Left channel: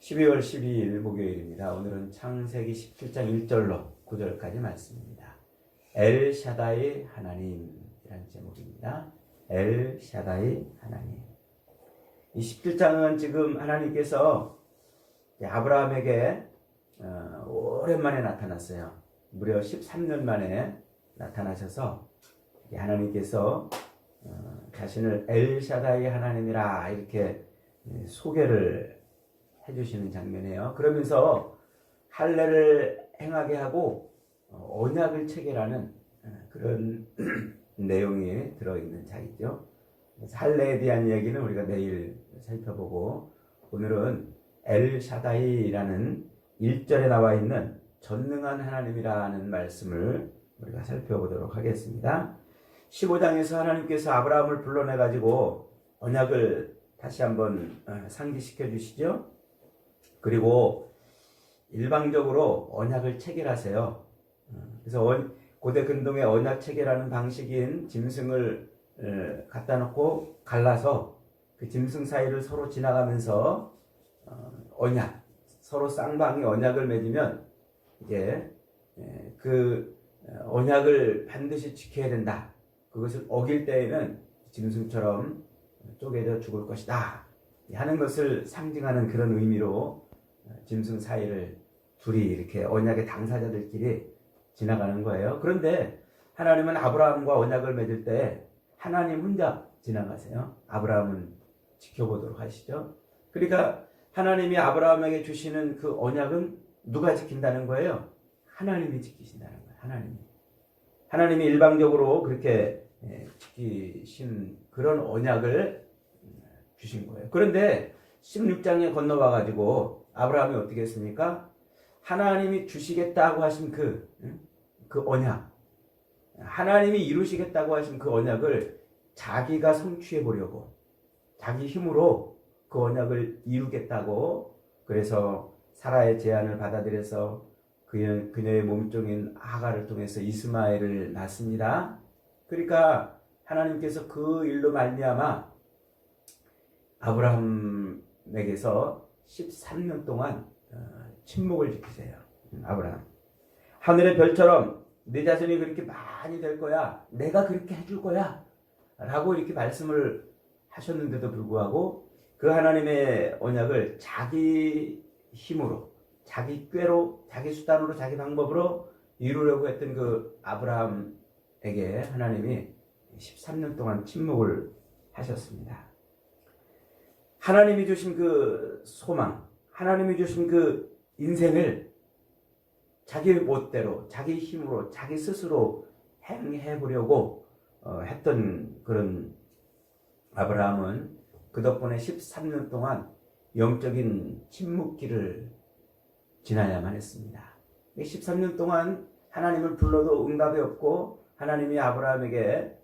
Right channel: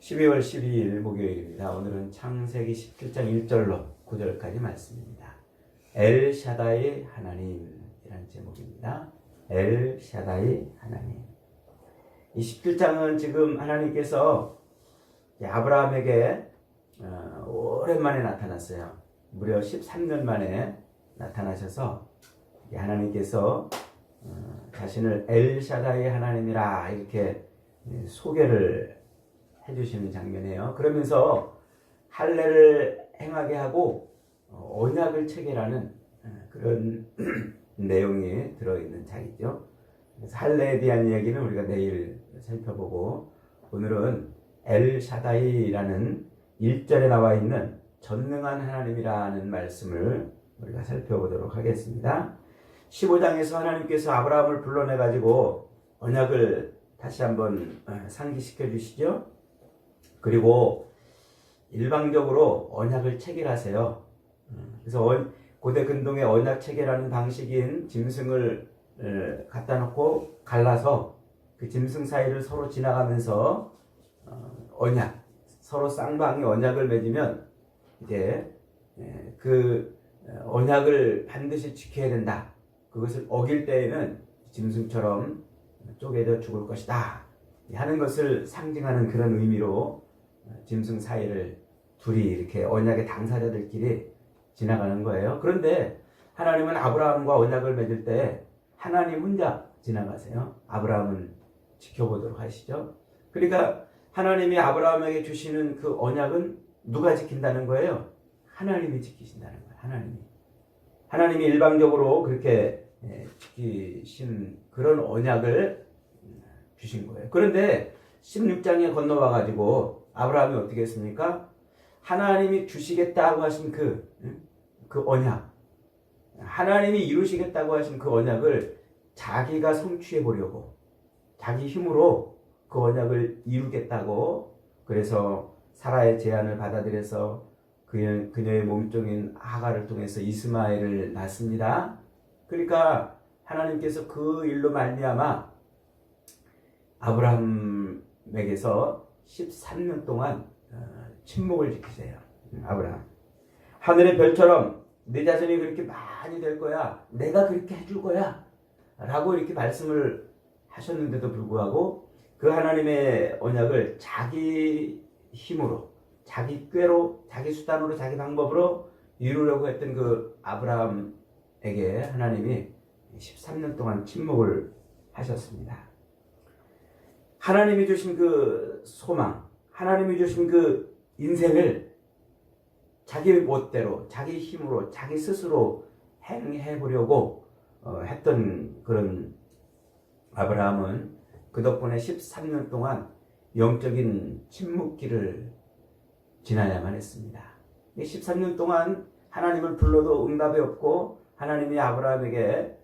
12월 12일 목요일입니다. 오늘은 창세기 17장 1절로 9절까지 말씀입니다. 엘샤다이 하나님이라는 제목입니다. 엘샤다이 하나님. 이 17장은 지금 하나님께서 아브라함에게 오랜만에 나타났어요. 무려 13년 만에 나타나셔서 하나님께서 자신을 엘샤다이 하나님이라 이렇게 소개를 해주시는 장면이에요. 그러면서 할례를 행하게 하고 언약을 체결하는 그런 내용이 들어있는 장이죠. 그래서 할례에 대한 이야기는 우리가 내일 살펴보고, 오늘은 엘샤다이라는 1절에 나와 있는 전능한 하나님이라는 말씀을 우리가 살펴보도록 하겠습니다. 15장에서 하나님께서 아브라함을 불러내가지고 언약을 다시 한번 상기시켜 주시죠. 그리고 일방적으로 언약을 체결하세요. 그래서 고대 근동의 언약 체결하는 방식인 짐승을 갖다 놓고 갈라서 그 짐승 사이를 서로 지나가면서 언약, 서로 쌍방이 언약을 맺으면 이제 그 언약을 반드시 지켜야 된다. 그것을 어길 때에는 짐승처럼 쪼개져 죽을 것이다 하는 것을 상징하는 그런 의미로 짐승 사이를 둘이 이렇게 언약의 당사자들끼리 지나가는 거예요. 그런데 하나님은 아브라함과 언약을 맺을 때 하나님 혼자 지나가세요. 아브라함은 지켜보도록 하시죠. 그러니까 하나님이 아브라함에게 주시는 그 언약은 누가 지킨다는 거예요? 하나님이 지키신다는 거예요. 하나님이 일방적으로 그렇게 지키신 그런 언약을 주신 거예요. 그런데 16장에 건너와 가지고 아브라함이 어떻게 했습니까? 하나님이 주시겠다고 하신 그 언약, 하나님이 이루시겠다고 하신 그 언약을 자기가 성취해 보려고 자기 힘으로 그 언약을 이루겠다고, 그래서 사라의 제안을 받아들여서 그녀의 몸종인 하갈을 통해서 이스마엘을 낳습니다. 그러니까 하나님께서 그 일로 말미암아 아브라함에게서 13년 동안 침묵을 지키세요. 아브라함, 하늘의 별처럼 내 자손이 그렇게 많이 될 거야, 내가 그렇게 해줄 거야 라고 이렇게 말씀을 하셨는데도 불구하고 그 하나님의 언약을 자기 힘으로, 자기 꾀로, 자기 수단으로, 자기 방법으로 이루려고 했던 그 아브라함에게 하나님이 13년 동안 침묵을 하셨습니다. 하나님이 주신 그 소망, 하나님이 주신 그 인생을 자기 멋대로, 자기 힘으로, 자기 스스로 행해 보려고 했던 그런 아브라함은 그 덕분에 13년 동안 영적인 침묵기를 지나야만 했습니다. 13년 동안 하나님을 불러도 응답이 없고 하나님이 아브라함에게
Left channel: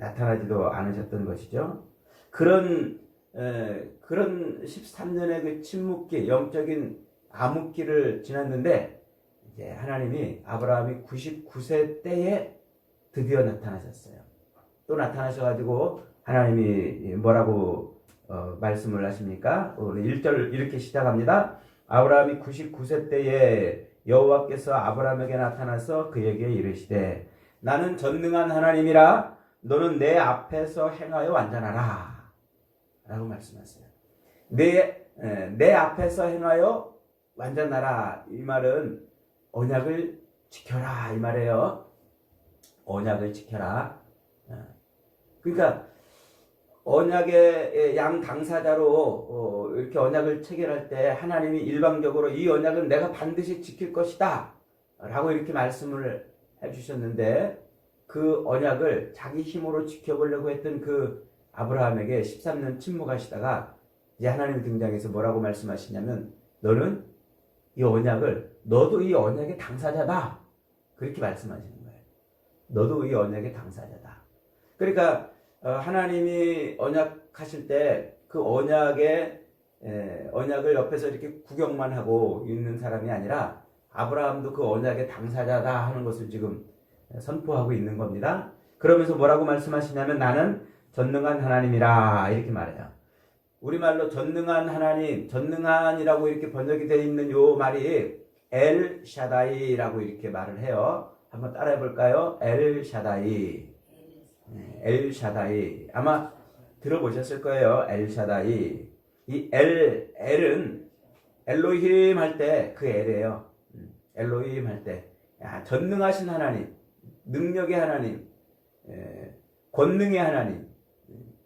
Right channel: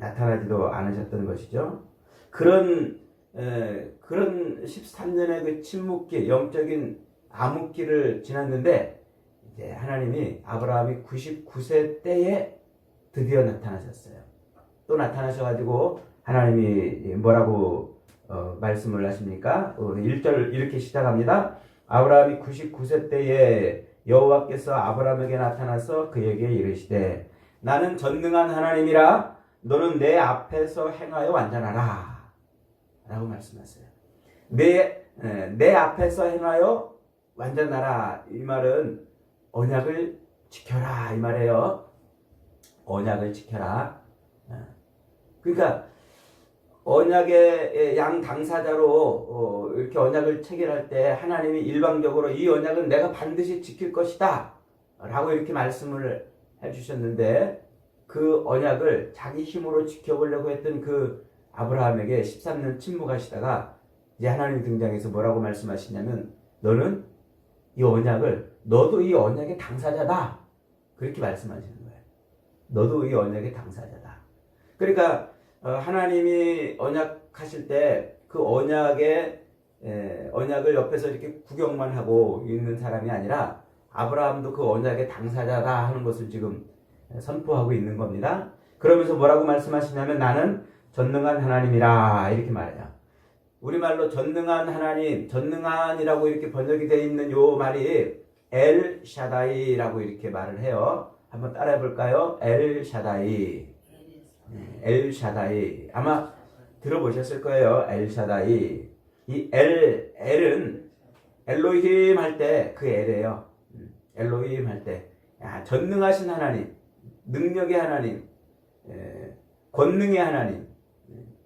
나타나지도 않으셨던 것이죠. 그런 13년의 그 침묵기, 영적인 암흑기를 지났는데 이제 하나님이 아브라함이 99세 때에 드디어 나타나셨어요. 또 나타나셔가지고 하나님이 뭐라고 말씀을 하십니까? 오늘 1절 이렇게 시작합니다. 아브라함이 99세 때에 여호와께서 아브라함에게 나타나서 그에게 이르시되 나는 전능한 하나님이라 너는 내 앞에서 행하여 완전하라 라고 말씀하세요. 내 앞에서 행하여 완전하라, 이 말은 언약을 지켜라 이 말이에요. 언약을 지켜라. 그러니까 언약의 양 당사자로 이렇게 언약을 체결할 때 하나님이 일방적으로 이 언약은 내가 반드시 지킬 것이다 라고 이렇게 말씀을 해주셨는데, 그 언약을 자기 힘으로 지켜보려고 했던 그 아브라함에게 13년 침묵하시다가 이제 하나님 등장해서 뭐라고 말씀하시냐면 너는 이 언약을, 너도 이 언약의 당사자다 그렇게 말씀하시는 거예요. 너도 이 언약의 당사자다. 그러니까 하나님이 언약하실 때 그 언약을 옆에서 이렇게 구경만 하고 있는 사람이 아니라 아브라함도 그 언약의 당사자다 하는 것을 지금 선포하고 있는 겁니다. 그러면서 뭐라고 말씀하시냐면 나는 전능한 하나님이라 이렇게 말해요. 우리말로 전능한 하나님, 전능한이라고 이렇게 번역이 되어 있는 요 말이 엘 샤다이라고 이렇게 말을 해요. 한번 따라해 볼까요? 엘 샤다이. 엘 샤다이. 아마 들어보셨을 거예요. 엘 샤다이. 이 엘은 엘로힘 할 때 그 엘이에요. 엘로힘 할 때. 야, 전능하신 하나님, 능력의 하나님, 권능의 하나님,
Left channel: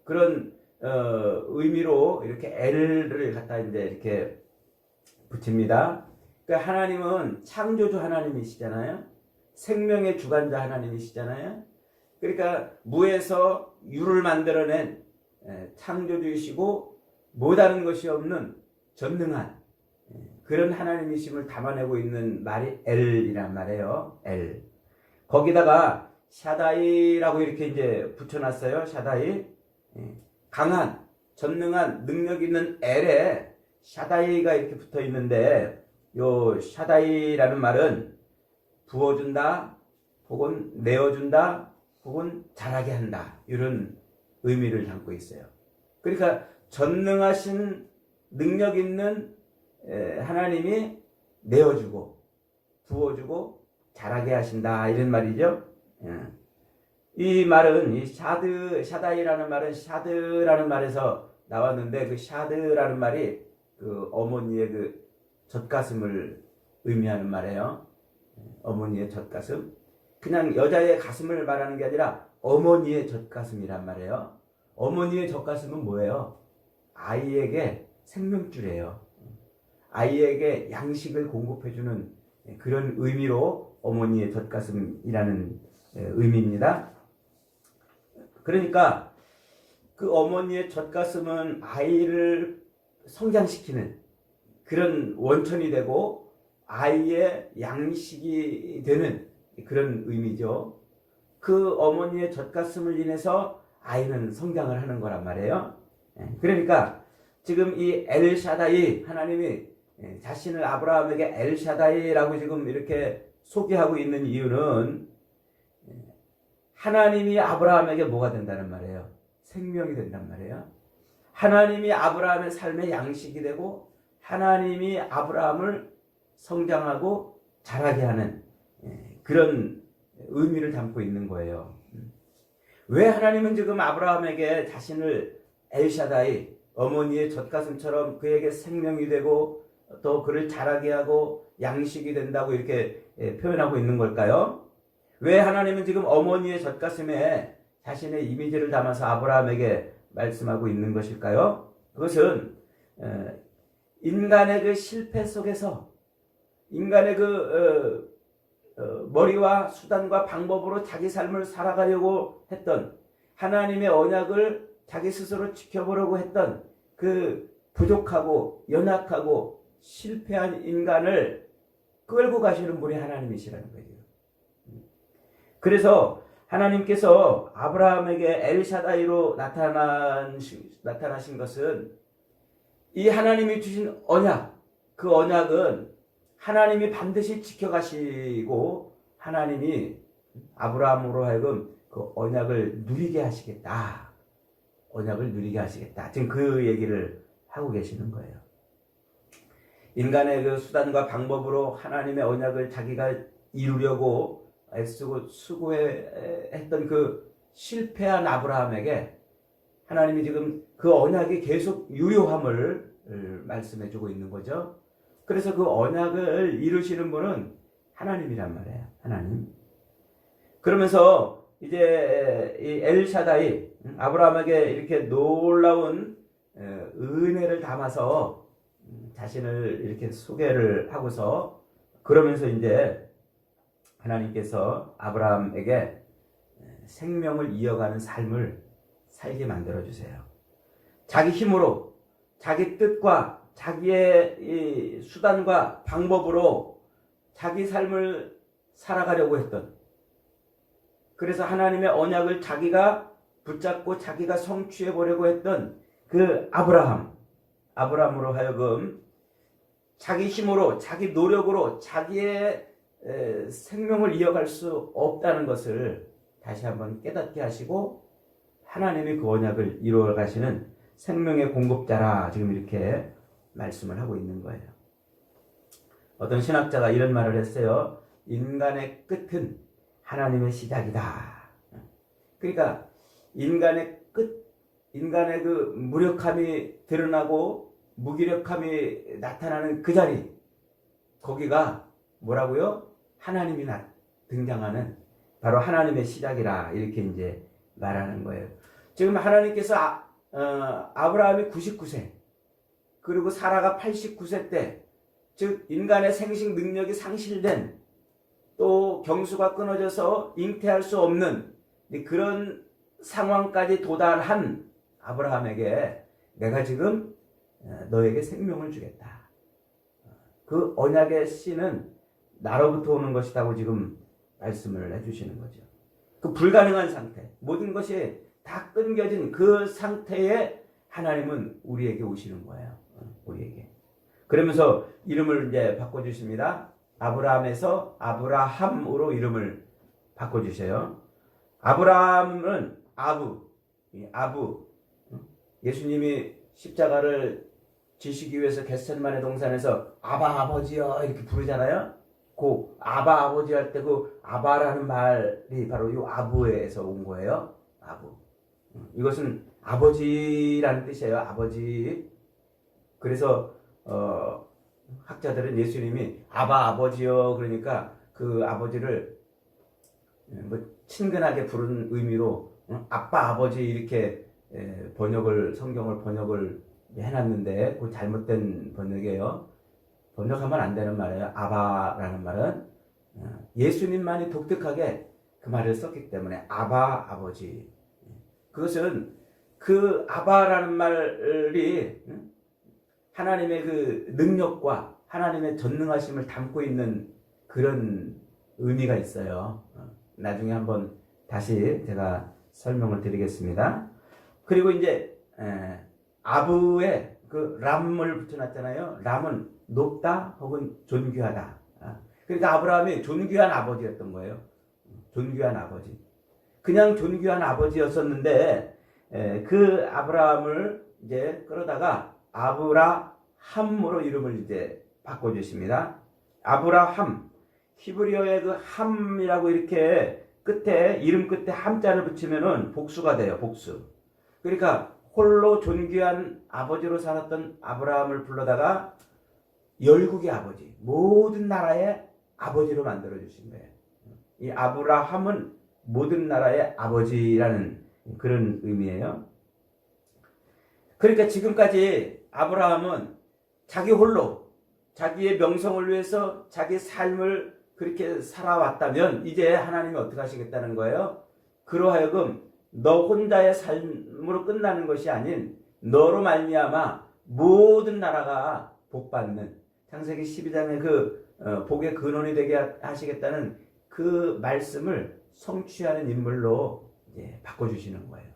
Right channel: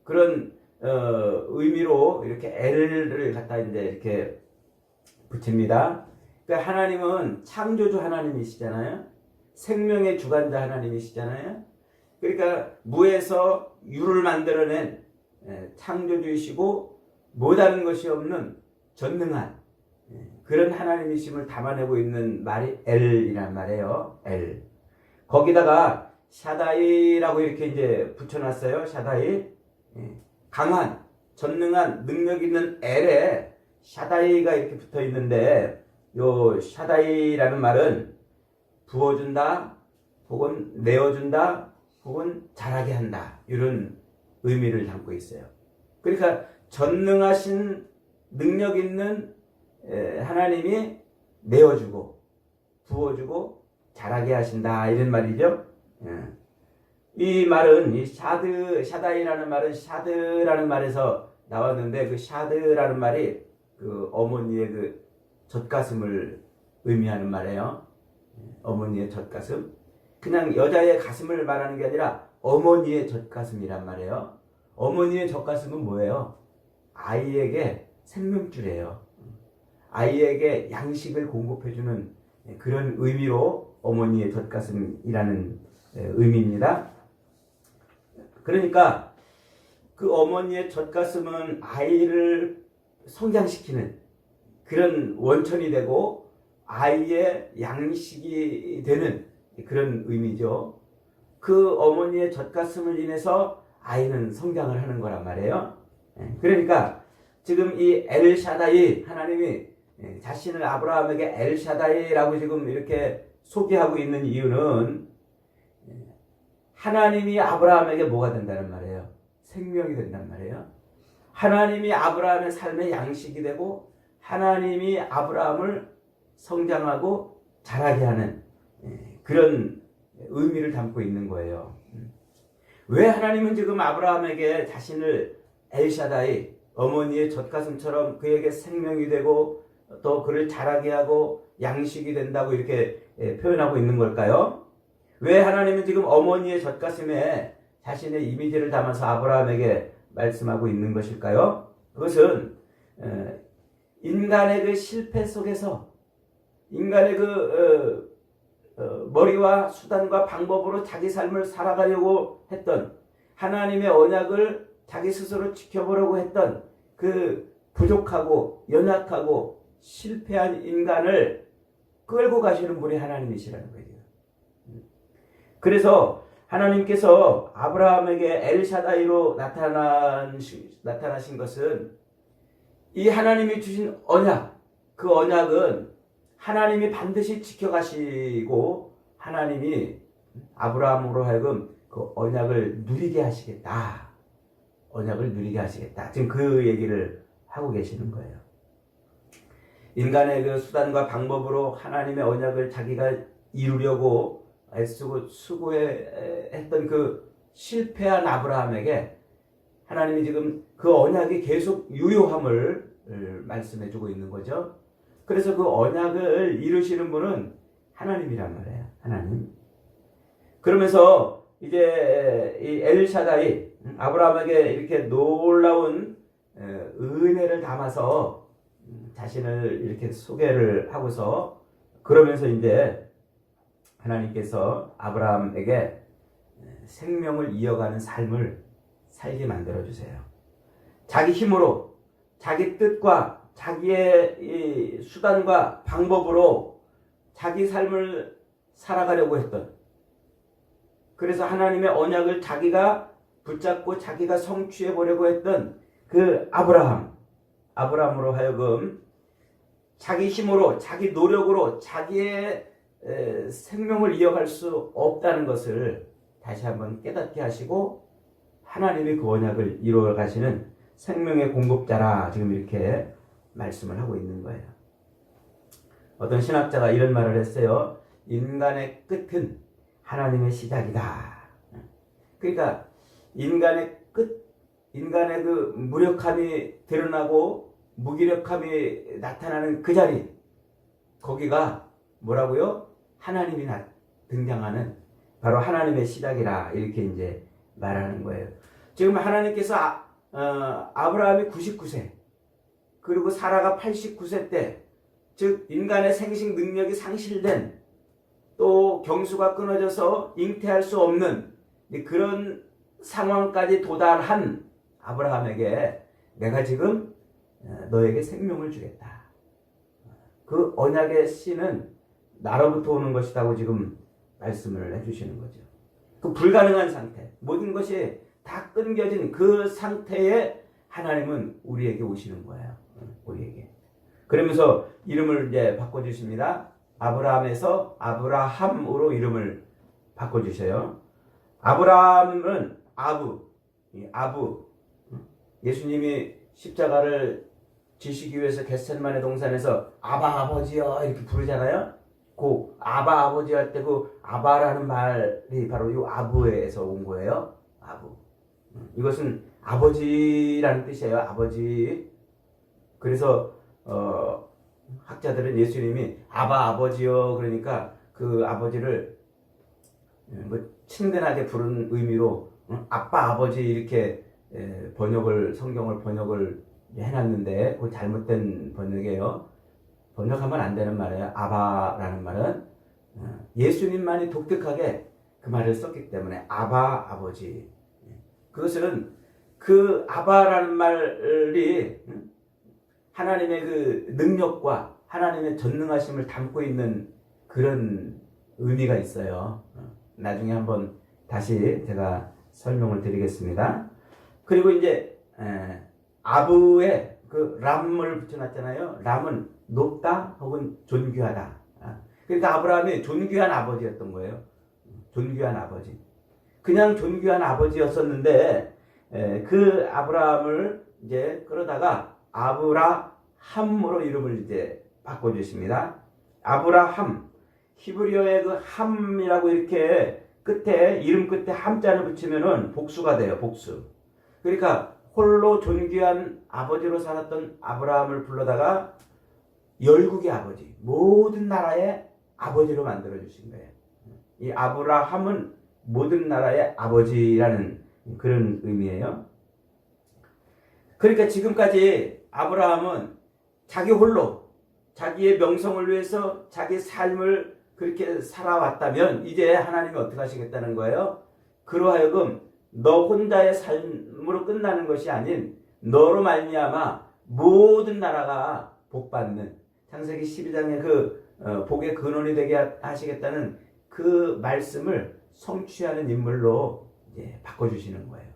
그런 의미로 이렇게 엘을 갖다 이제 이렇게 붙입니다. 그러니까 하나님은 창조주 하나님이시잖아요. 생명의 주관자 하나님이시잖아요. 그러니까 무에서 유를 만들어낸 창조주이시고 못하는 것이 없는 전능한 그런 하나님이심을 담아내고 있는 말이 엘이란 말이에요. 엘. 거기다가 샤다이라고 이렇게 이제 붙여놨어요. 샤다이. 강한, 전능한, 능력 있는 엘에 샤다이가 이렇게 붙어 있는데, 요 샤다이라는 말은 부어준다, 혹은 내어준다, 혹은 잘하게 한다. 이런 의미를 담고 있어요. 그러니까 전능하신 능력 있는 하나님이 내어주고, 부어주고, 잘하게 하신다. 이런 말이죠. 이 말은 이 샤다이라는 말은 샤드라는 말에서 나왔는데 그 샤드라는 말이 그 어머니의 그 젖가슴을 의미하는 말이에요. 어머니의 젖가슴. 그냥 여자의 가슴을 말하는 게 아니라 어머니의 젖가슴이란 말이에요. 어머니의 젖가슴은 뭐예요? 아이에게 생명줄이에요. 아이에게 양식을 공급해주는 그런 의미로 어머니의 젖가슴이라는 의미입니다. 그러니까 그 어머니의 젖가슴은 아이를 성장시키는 그런 원천이 되고 아이의 양식이 되는 그런 의미죠. 그 어머니의 젖가슴을 인해서 아이는 성장을 하는 거란 말이에요. 그러니까 지금 이 엘샤다이 하나님이 자신을 아브라함에게 엘샤다이라고 지금 이렇게 소개하고 있는 이유는 하나님이 아브라함에게 뭐가 된다는 말이에요? 생명이 된단 말이에요. 하나님이 아브라함의 삶의 양식이 되고 하나님이 아브라함을 성장하고 자라게 하는 그런 의미를 담고 있는 거예요. 왜 하나님은 지금 아브라함에게 자신을 엘샤다이, 어머니의 젖가슴처럼 그에게 생명이 되고 또 그를 자라게 하고 양식이 된다고 이렇게 표현하고 있는 걸까요? 왜 하나님은 지금 어머니의 젖가슴에 자신의 이미지를 담아서 아브라함에게 말씀하고 있는 것일까요? 그것은 인간의 그 실패 속에서 인간의 그 머리와 수단과 방법으로 자기 삶을 살아가려고 했던 하나님의 언약을 자기 스스로 지켜보려고 했던 그 부족하고 연약하고 실패한 인간을 끌고 가시는 분이 하나님이시라는 거예요. 그래서 하나님께서 아브라함에게 엘샤다이로 나타나신 것은 이 하나님이 주신 언약, 그 언약은 하나님이 반드시 지켜가시고 하나님이 아브라함으로 하여금 그 언약을 누리게 하시겠다. 언약을 누리게 하시겠다. 지금 그 얘기를 하고 계시는 거예요. 인간의 그 수단과 방법으로 하나님의 언약을 자기가 이루려고 애쓰고 수고했던 그 실패한 아브라함에게 하나님이 지금 그 언약이 계속 유효함을 말씀해주고 있는 거죠. 그래서 그 언약을 이루시는 분은 하나님이란 말이에요. 하나님. 그러면서 이제 이 엘샤다이 아브라함에게 이렇게 놀라운 은혜를 담아서 자신을 이렇게 소개를 하고서 그러면서 이제 하나님께서 아브라함에게 생명을 이어가는 삶을 살게 만들어주세요. 자기 힘으로, 자기 뜻과 자기의 이 수단과 방법으로 자기 삶을 살아가려고 했던, 그래서 하나님의 언약을 자기가 붙잡고 자기가 성취해 보려고 했던 그 아브라함으로 하여금 자기 힘으로, 자기 노력으로 자기의 생명을 이어갈 수 없다는 것을 다시 한번 깨닫게 하시고 하나님이 그 언약을 이루어 가시는 생명의 공급자라 지금 이렇게 말씀을 하고 있는 거예요. 어떤 신학자가 이런 말을 했어요. 인간의 끝은 하나님의 시작이다. 그러니까 인간의 끝, 인간의 그 무력함이 드러나고 무기력함이 나타나는 그 자리, 거기가 뭐라고요? 하나님이 등장하는 바로 하나님의 시작이라 이렇게 이제 말하는 거예요. 지금 하나님께서 아브라함이 99세 그리고 사라가 89세 때, 즉 인간의 생식 능력이 상실된, 또 경수가 끊어져서 잉태할 수 없는 그런 상황까지 도달한 아브라함에게 내가 지금 너에게 생명을 주겠다. 그 언약의 씨는 나로부터 오는 것이라고 지금 말씀을 해주시는 거죠. 그 불가능한 상태, 모든 것이 다 끊겨진 그 상태에 하나님은 우리에게 오시는 거예요. 우리에게. 그러면서 이름을 이제 바꿔주십니다. 아브라함에서 아브라함으로 이름을 바꿔주셔요. 아브라함은 아부. 예수님이 십자가를 지시기 위해서 겟세마네 동산에서 아바 아버지여 이렇게 부르잖아요. 그 아바 아버지 할 때 그 아바라는 말이 바로 이 아부에서 온 거예요. 아부. 이것은 아버지라는 뜻이에요. 아버지. 그래서 학자들은 예수님이 아바 아버지요 그러니까 그 아버지를 뭐 친근하게 부른 의미로 아빠 아버지 이렇게 성경을 번역을 해놨는데 그 잘못된 번역이에요. 번역하면 안 되는 말이에요. 아바라는 말은 예수님만이 독특하게 그 말을 썼기 때문에 아바 아버지. 그것은 그 아바라는 말이 하나님의 그 능력과 하나님의 전능하심을 담고 있는 그런 의미가 있어요. 나중에 한번 다시 제가 설명을 드리겠습니다. 그리고 이제 아부에 그 람을 붙여놨잖아요. 람은 높다 혹은 존귀하다. 그러니까 아브라함이 존귀한 아버지였던 거예요. 존귀한 아버지. 그냥 존귀한 아버지였었는데 그 아브라함을 이제 끌어다가 아브라함으로 이름을 이제 바꿔주십니다. 아브라함. 히브리어의 그 함이라고 이렇게 이름 끝에 함자를 붙이면은 복수가 돼요. 복수. 그러니까 홀로 존귀한 아버지로 살았던 아브라함을 불러다가 열국의 아버지, 모든 나라의 아버지로 만들어 주신 거예요. 이 아브라함은 모든 나라의 아버지라는 그런 의미예요. 그러니까 지금까지 아브라함은 자기 홀로 자기의 명성을 위해서 자기 삶을 그렇게 살아왔다면 이제 하나님이 어떻게 하시겠다는 거예요? 그러하여금 너 혼자의 삶으로 끝나는 것이 아닌 너로 말미암아 모든 나라가 복받는, 창세기 12장의 그 복의 근원이 되게 하시겠다는 그 말씀을 성취하는 인물로 이제 바꿔주시는 거예요.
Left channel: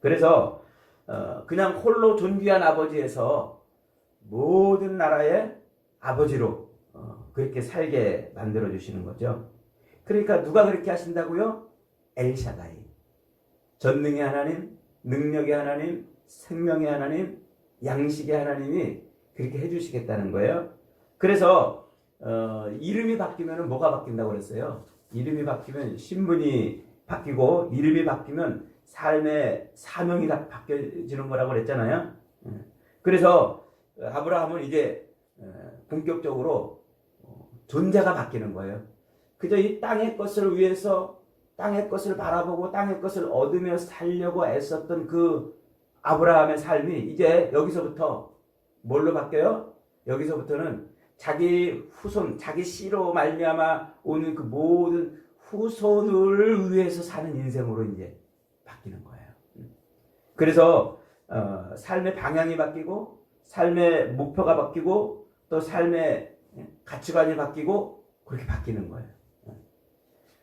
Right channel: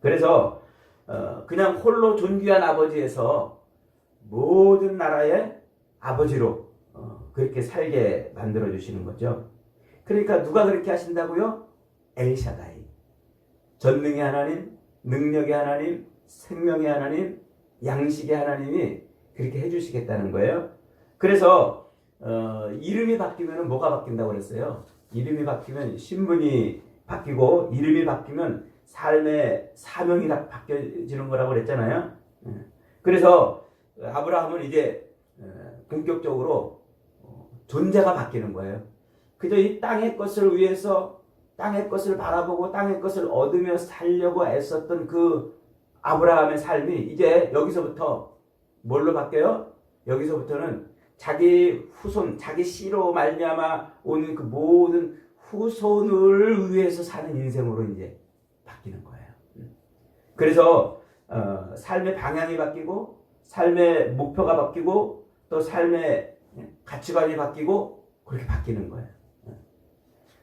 그래서 그냥 홀로 존귀한 아버지에서 모든 나라의 아버지로 그렇게 살게 만들어 주시는 거죠. 그러니까 누가 그렇게 하신다고요? 엘샤다이. 전능의 하나님, 능력의 하나님, 생명의 하나님, 양식의 하나님이 그렇게 해주시겠다는 거예요. 그래서 이름이 바뀌면 뭐가 바뀐다고 그랬어요? 이름이 바뀌면 신분이 바뀌고 이름이 바뀌면 삶의 사명이 다 바뀌어지는 거라고 그랬잖아요. 그래서 아브라함은 이제 본격적으로 존재가 바뀌는 거예요. 그저 이 땅의 것을 위해서 땅의 것을 바라보고 땅의 것을 얻으며 살려고 애썼던 그 아브라함의 삶이 이제 여기서부터 뭘로 바뀌어요? 여기서부터는 자기 후손, 자기 씨로 말미암아 오는 그 모든 후손을 위해서 사는 인생으로 이제 바뀌는 거예요. 그래서 삶의 방향이 바뀌고 삶의 목표가 바뀌고 또 삶의 가치관이 바뀌고 그렇게 바뀌는 거예요.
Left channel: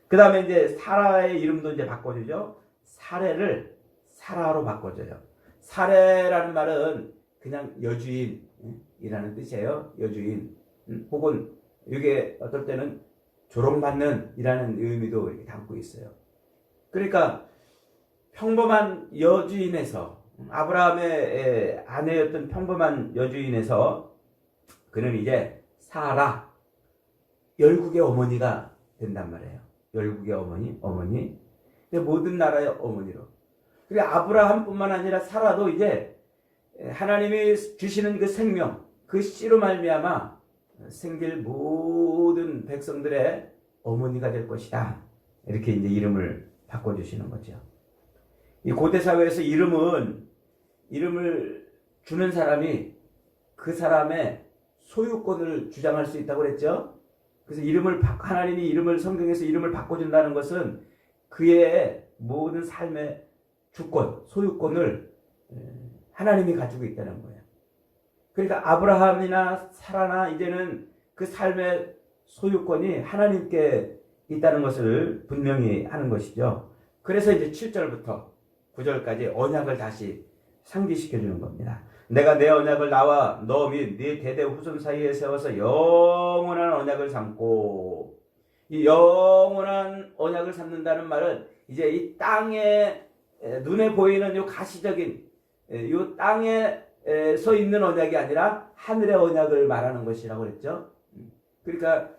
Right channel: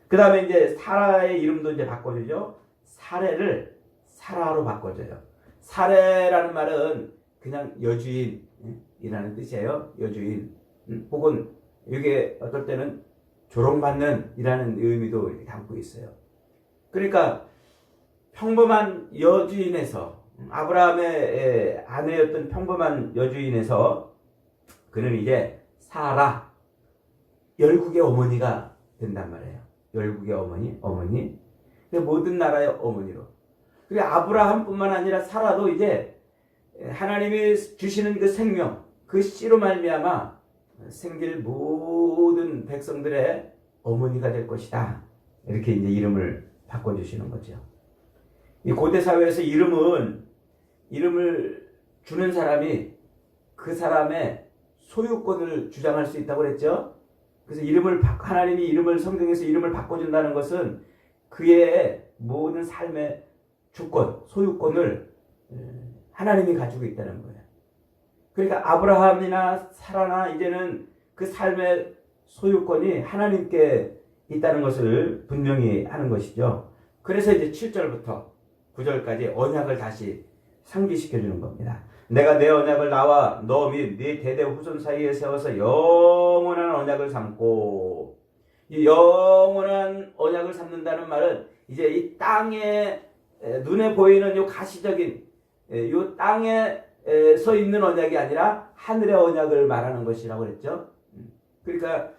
그 다음에 이제 사라의 이름도 이제 바꿔주죠. 사례를 사라로 바꿔줘요. 사례라는 말은 그냥 여주인이라는 뜻이에요. 여주인. 혹은 이게 어떨 때는 조롱받는 이라는 의미도 이렇게 담고 있어요. 그러니까 평범한 여주인에서 아브라함의 아내였던 평범한 여주인에서 그는 이제 사라, 열국의 어머니가 된단 말이에요. 열국의 어머니. 모든 나라의 어머니로. 그리고 아브라함뿐만 아니라 사라도 이제 하나님이 주시는 그 생명, 그 씨로 말미암아 생길 모든 백성들의 어머니가 될 것이다. 이렇게 이제 이름을 바꿔주시는 거죠. 이 고대 사회에서 이름을 주는 사람이 그 사람의 소유권을 주장할 수 있다고 그랬죠. 그래서 하나님이 성경에서 이름을 바꿔준다는 것은 그의 모든 삶의 주권, 소유권을 하나님이 가지고 있다는 거예요. 그러니까 아브라함이나 사라나 이제는 그 삶의 소유권이 하나님께 있다는 것을 분명히 하는 것이죠. 그래서 이제 7절부터 9절까지 언약을 다시 상기시켜 주는 겁니다. 내가 내 언약을 나와 너 및 네 대대 후손 사이에 세워서 영원한 언약을 삼고, 이 영원한 언약을 삼는다는 말은 이제 이 땅에 눈에 보이는 요 가시적인 요 땅에 서 있는 언약이 아니라 하늘의 언약을 말하는 것이라고 그랬죠. 그러니까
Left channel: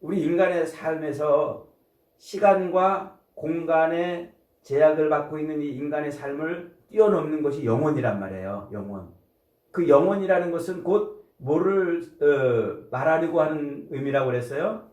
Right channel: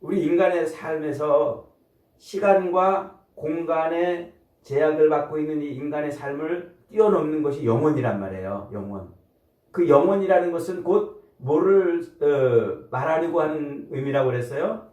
우리 인간의 삶에서 시간과 공간의 제약을 받고 있는 이 인간의 삶을 뛰어넘는 것이 영원이란 말이에요. 영원. 그 영원이라는 것은 곧 뭐를 말하려고 하는 의미라고 그랬어요?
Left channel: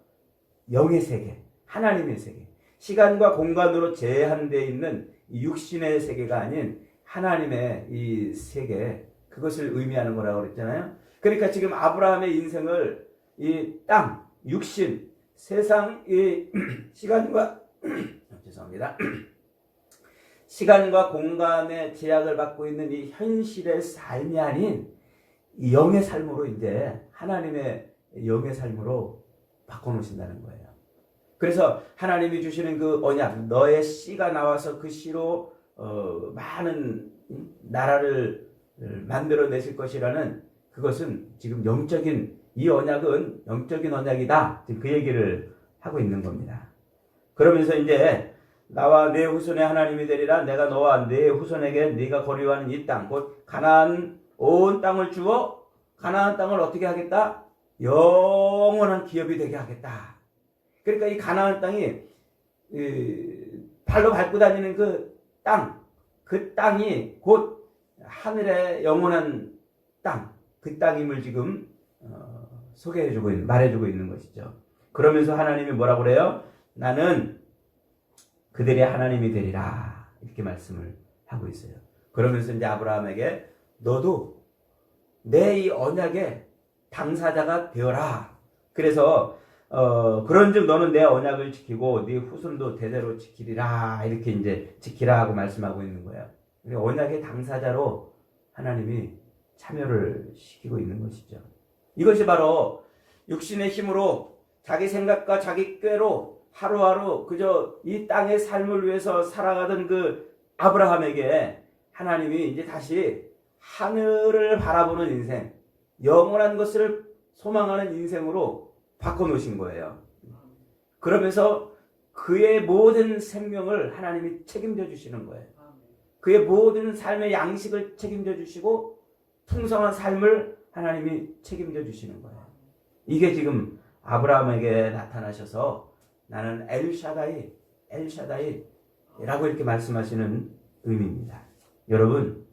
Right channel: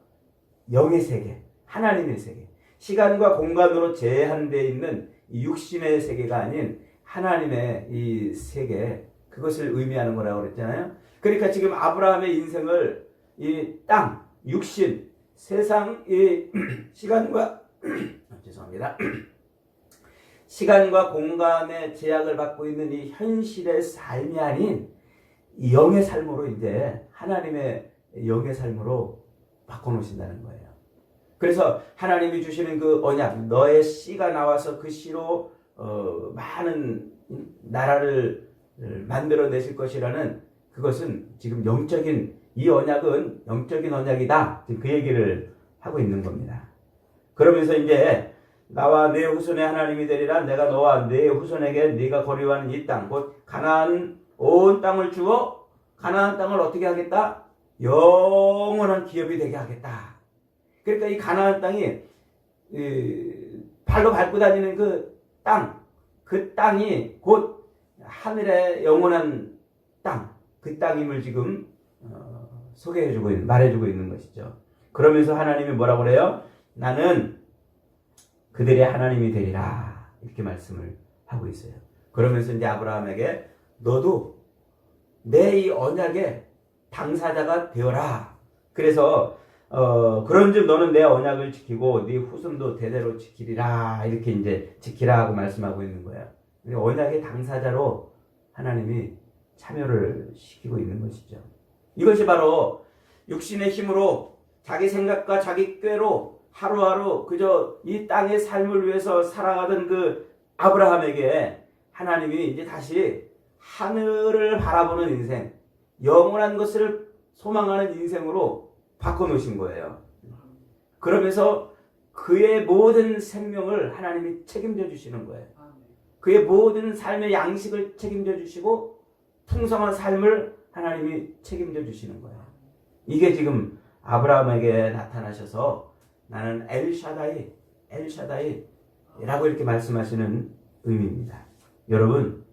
영의 세계, 하나님의 세계. 시간과 공간으로 제한되어 있는 육신의 세계가 아닌 하나님의 이 세계, 그것을 의미하는 거라고 그랬잖아요. 그러니까 지금 아브라함의 인생을 이 땅, 육신, 세상, 이 시간과 죄송합니다. 시간과 공간의 제약을 받고 있는 이 현실의 삶이 아닌 이 영의 삶으로 이제 하나님의 영의 삶으로 바꿔놓으신다는 거예요. 그래서 하나님이 주시는 그 언약, 너의 씨가 나와서 그 씨로 많은 나라를 만들어내실 것이라는, 그것은 지금 이 언약은 영적인 언약이다. 지금 그 얘기를 하고 있는 겁니다. 그러면서 이제 나와 네 후손의 하나님이 되리라. 내가 너와 네 후손에게 네가 거류하는 이 땅, 곧 가나안 온 땅을 주어 가나안 땅을 어떻게 하겠다? 영원한 기업이 되게 하겠다. 그러니까 이 가나안 땅이 발로 밟고 다니는 그 땅이 곧 하늘의 영원한 땅, 그 땅임을 지금 말해주고 있는 것이죠. 그러면서 하나님이 뭐라고 그래요? 나는 그들의 하나님이 되리라. 이렇게 말씀을 하고 있어요. 그러면서 이제 아브라함에게 너도 내 이 언약의 당사자가 되어라. 그래서 그런즉 너는 내 언약을 지키고 네 후손도 대대로 지키리라. 이렇게 이제 지키라 하고 말씀하고 있는 거예요. 언약의 당사자로 하나님이 참여를 시키고 있는 것이죠. 이것이 바로 육신의 힘으로 자기 생각과 자기 꾀로 하루하루 그저 이 땅의 삶을 위해서 살아가던 그 아브라함에게 하나님이 이제 다시 하늘을 바라보는 인생, 영원한 것을 소망하는 인생으로 바꿔놓으신 거예요. 그러면서 그의 모든 생명을 하나님이 책임져 주시는 거예요. 그의 모든 삶의 양식을 책임져 주시고 풍성한 삶을 하나님이 책임져 주시는 거예요. 이게 지금 아브라함에게 나타나셔서 나는 엘샤다이라고 이렇게 말씀하시는 의미입니다. 여러분,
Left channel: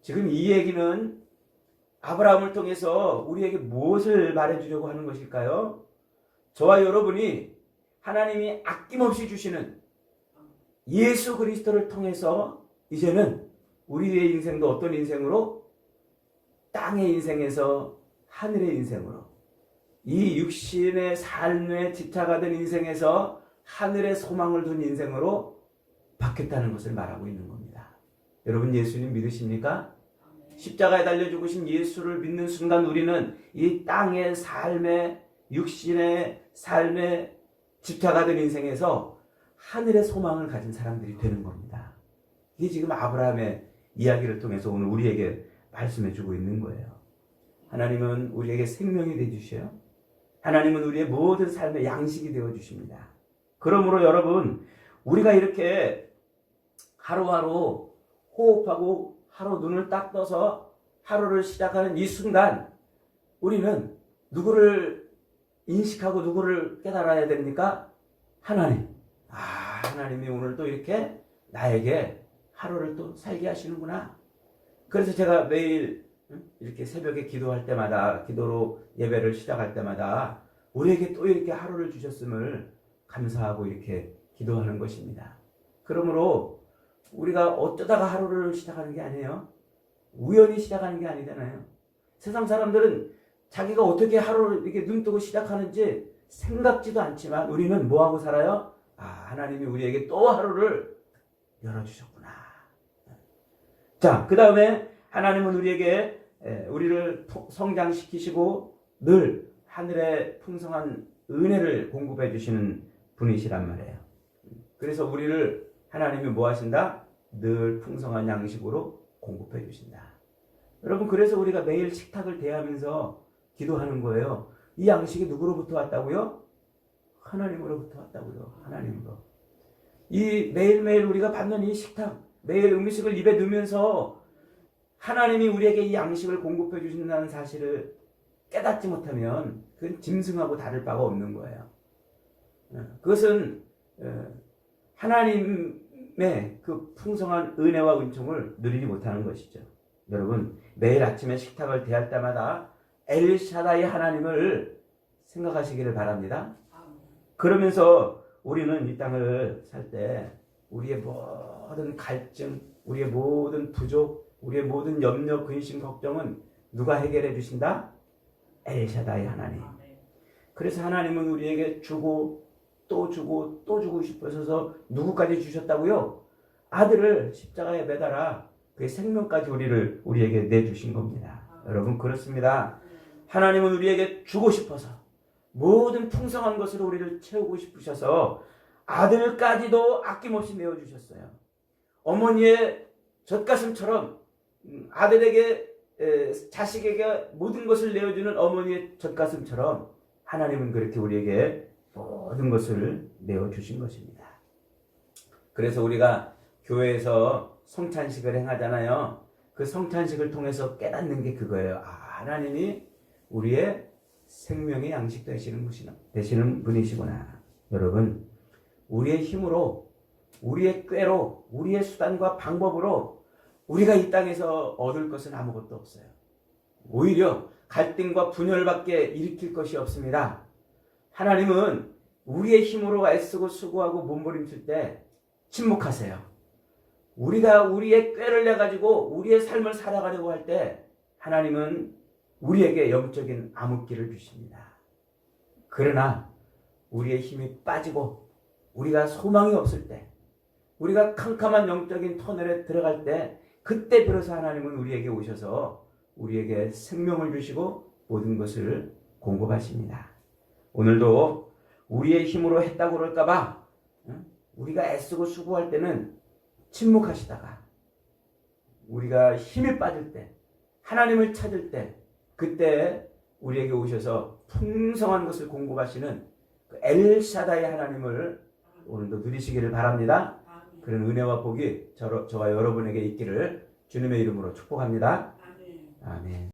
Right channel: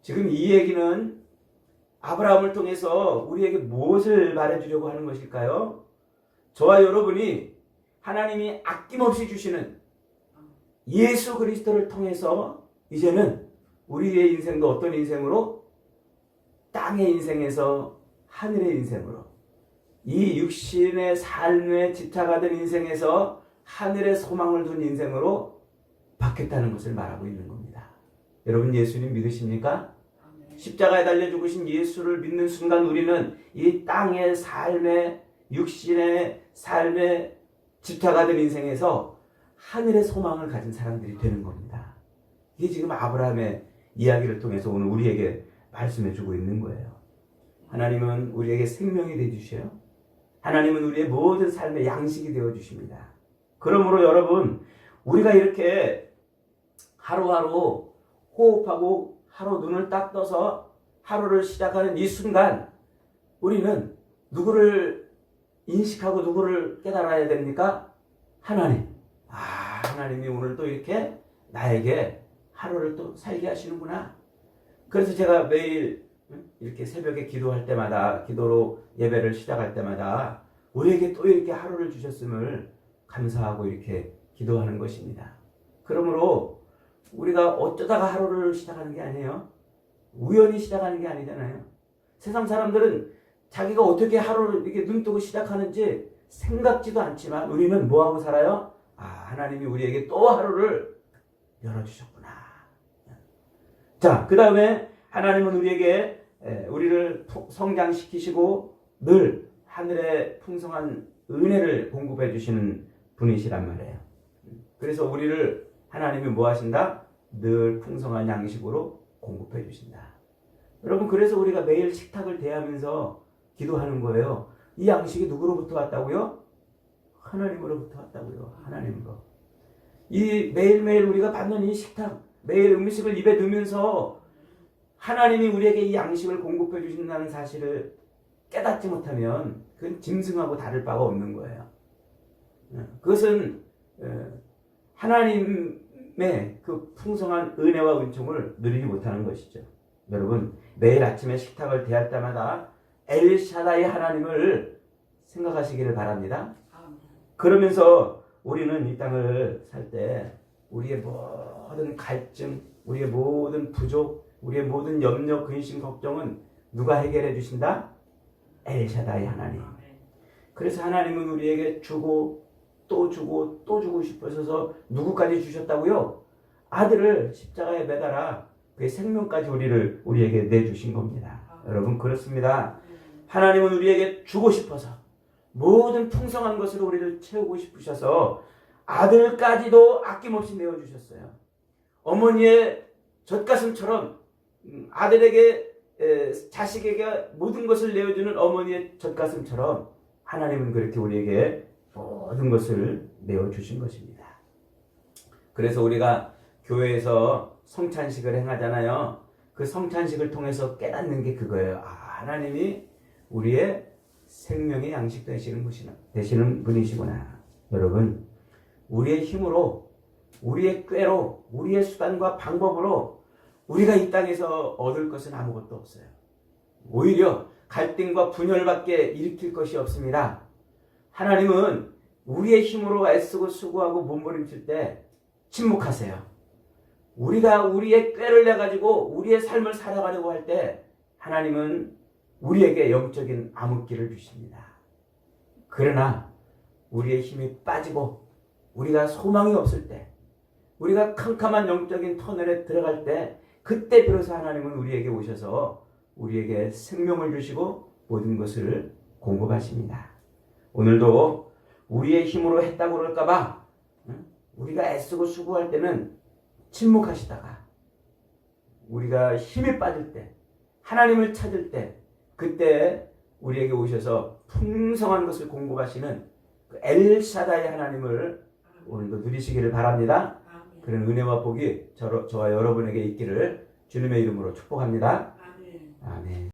지금 이 얘기는 아브라함을 통해서 우리에게 무엇을 말해주려고 하는 것일까요? 저와 여러분이 하나님이 아낌없이 주시는 예수 그리스도를 통해서 이제는 우리의 인생도 어떤 인생으로? 땅의 인생에서 하늘의 인생으로, 이 육신의 삶에 집착하던 인생에서 하늘의 소망을 둔 인생으로 바뀌었다는 것을 말하고 있는 겁니다. 여러분, 예수님 믿으십니까? 십자가에 달려 죽으신 예수를 믿는 순간 우리는 이 땅의 삶에, 육신의 삶에 집착하던 인생에서 하늘의 소망을 가진 사람들이 되는 겁니다. 이게 지금 아브라함의 이야기를 통해서 오늘 우리에게 말씀해 주고 있는 거예요. 하나님은 우리에게 생명이 되어주셔요. 하나님은 우리의 모든 삶의 양식이 되어주십니다. 그러므로 여러분, 우리가 이렇게 하루하루 호흡하고 하루 눈을 딱 떠서 하루를 시작하는 이 순간 우리는 누구를 인식하고 누구를 깨달아야 됩니까? 하나님. 하나님이 오늘 또 이렇게 나에게 하루를 또 살게 하시는구나. 그래서 제가 매일 이렇게 새벽에 기도할 때마다, 기도로 예배를 시작할 때마다 우리에게 또 이렇게 하루를 주셨음을 감사하고 이렇게 기도하는 것입니다. 그러므로 우리가 어쩌다가 하루를 시작하는 게 아니에요. 우연히 시작하는 게 아니잖아요. 세상 사람들은 자기가 어떻게 하루를 이렇게 눈 뜨고 시작하는지 생각지도 않지만 우리는 뭐하고 살아요? 하나님이 우리에게 또 하루를 열어주셨구나. 자, 그 다음에 하나님은 우리를 성장시키시고 늘 하늘의 풍성한 은혜를 공급해 주시는 분이시란 말이에요. 그래서 우리를 하나님이 뭐 하신다? 늘 풍성한 양식으로 공급해 주신다. 여러분, 그래서 우리가 매일 식탁을 대하면서 기도하는 거예요. 이 양식이 누구로부터 왔다고요? 하나님으로부터 왔다고요. 하나님으로. 이 매일매일 우리가 받는 이 식탁, 매일 음식을 입에 넣으면서 하나님이 우리에게 이 양식을 공급해 주신다는 사실을 깨닫지 못하면 그건 짐승하고 다를 바가 없는 거예요. 그것은 하나님의 그 풍성한 은혜와 은총을 누리지 못하는 것이죠. 여러분, 매일 아침에 식탁을 대할 때마다 엘샤다이 하나님을 생각하시기를 바랍니다. 그러면서 우리는 이 땅을 살 때 우리의 모든 갈증, 우리의 모든 부족, 우리의 모든 염려, 근심, 걱정은 누가 해결해 주신다? 엘샤다이 하나님. 그래서 하나님은 우리에게 주고 또 주고 또 주고 싶으셔서 누구까지 주셨다고요? 아들을 십자가에 매달아 그의 생명까지 우리에게 내주신 겁니다. 여러분, 그렇습니다. 하나님은 우리에게 주고 싶어서 모든 풍성한 것으로 우리를 채우고 싶으셔서 아들까지도 아낌없이 내어주셨어요. 어머니의 젖가슴처럼 아들에게 자식에게 모든 것을 내어주는 어머니의 젖가슴처럼 하나님은 그렇게 우리에게 모든 것을 내어주신 것입니다. 그래서 우리가 교회에서 성찬식을 행하잖아요. 그 성찬식을 통해서 깨닫는 게 그거예요. 하나님이 우리의 생명의 양식 되시는 분이시구나. 여러분, 우리의 힘으로, 우리의 꾀로, 우리의 수단과 방법으로 우리가 이 땅에서 얻을 것은 아무것도 없어요. 오히려 갈등과 분열밖에 일으킬 것이 없습니다. 하나님은 우리의 힘으로 애쓰고 수고하고 몸부림칠 때 침묵하세요. 우리가 우리의 꾀를 내가지고 우리의 삶을 살아가려고 할 때 하나님은 우리에게 영적인 암흑기를 주십니다. 그러나 우리의 힘이 빠지고 우리가 소망이 없을 때, 우리가 캄캄한 영적인 터널에 들어갈 때, 그때 비로소 하나님은 우리에게 오셔서 우리에게 생명을 주시고 모든 것을 공급하십니다. 오늘도 우리의 힘으로 했다고 그럴까봐 우리가 애쓰고 수고할 때는 침묵하시다가 우리가 힘이 빠질 때, 하나님을 찾을 때, 그때 우리에게 오셔서 풍성한 것을 공급하시는 그 엘샤다이 하나님을 오늘도 누리시기를 바랍니다. 그런 은혜와 복이 저와 여러분에게 있기를 주님의 이름으로 축복합니다. 아멘.